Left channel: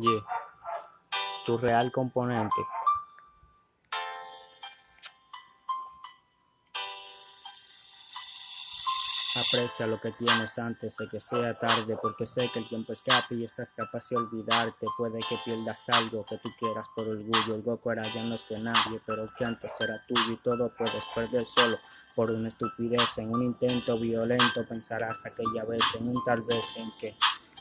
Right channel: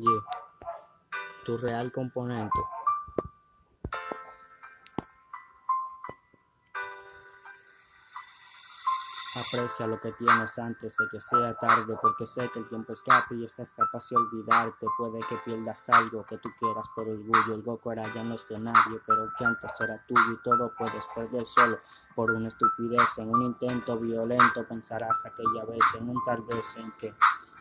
Yeah. Tu real componente. Aprecia lo que tienes antes de que sea tarde, porque sé que el tiempo escapa y estás capaz de olvidarte. Puede que pierdas algo que tú quieras por orgullo. El Goku ahora ya no es de nadie, pero que antes era tuyo, y todo puedes perder solo por una estupidez. En un intento violento pensarás aquella vez, en un tal vez en que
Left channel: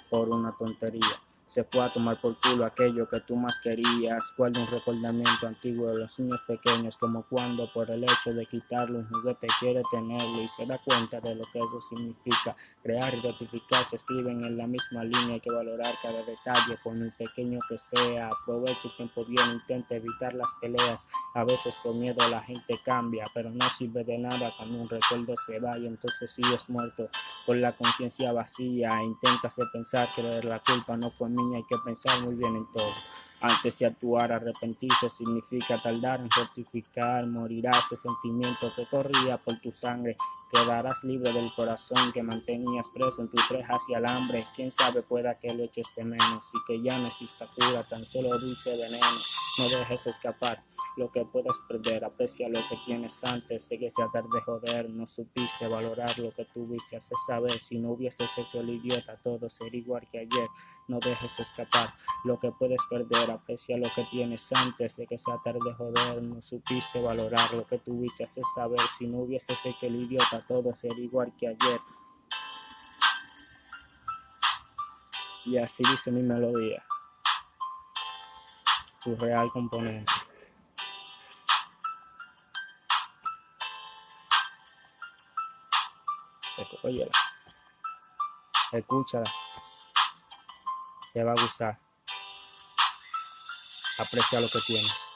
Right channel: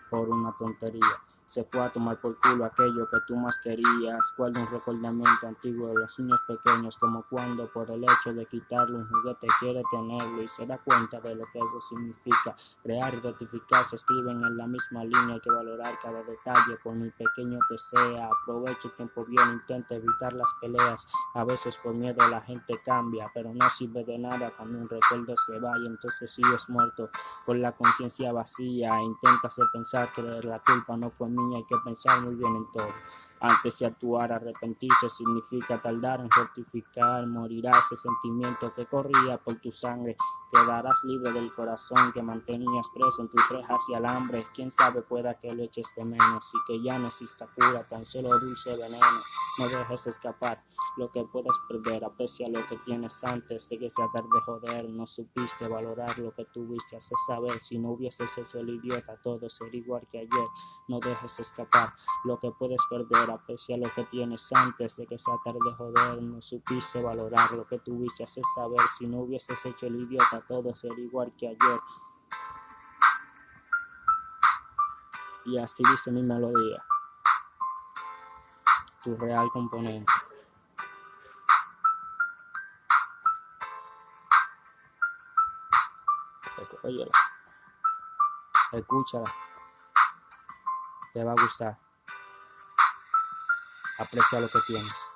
por una tontería se fue a tomar por culo aquello que tú más querías. Guarda un recordamiento antiguo de los niños pequeños, como cuando por el hecho de quitarle un juguete quiere tenerlo y se da cuenta de lo que eso significa. Crear y rectificar se escriben en la misma línea. Hay que valorar cada detalle por muy pequeño que sea. Aprovecha el tiempo bien, intenta evitar las peleas. A veces por miedo la gente cambia, pero no sirve de nada cuando un recuerdo se va y entonces sigues muerto con la conciencia vacía. Intenta hacer pensar que la culpa no fue mía. Hay que pensar muy bien en todo antes de actuar. Arrepentirse significa tardar en rectificar. Morirá ese sentimiento que corría por tu sangre. Quedarás libre del corazón que mantenías preso en tus rejas y alambre. Quién sabe, pueda que lo eches de menos y que ya no exista cura, tan solo dulce veneno. No dejes escapar lo que puedes perder. Aprecia lo que tienes antes de que sea tarde. Joder, no supiste valorar lo que tuviste. Hace saber, si no hubieses hecho el idiota, todo sería igual que ayer. No dejes escapar lo que puedes perder. Aprecia lo que tienes antes de que sea tarde. Joder, no supiste valorar lo que tuviste. Hace saber, si no hubieses hecho el idiota, todo sería igual que ayer. Y así dice mi melodía. Tu real componente. Óyela, escúchala, te va a gustar. Aprecia lo que tienes.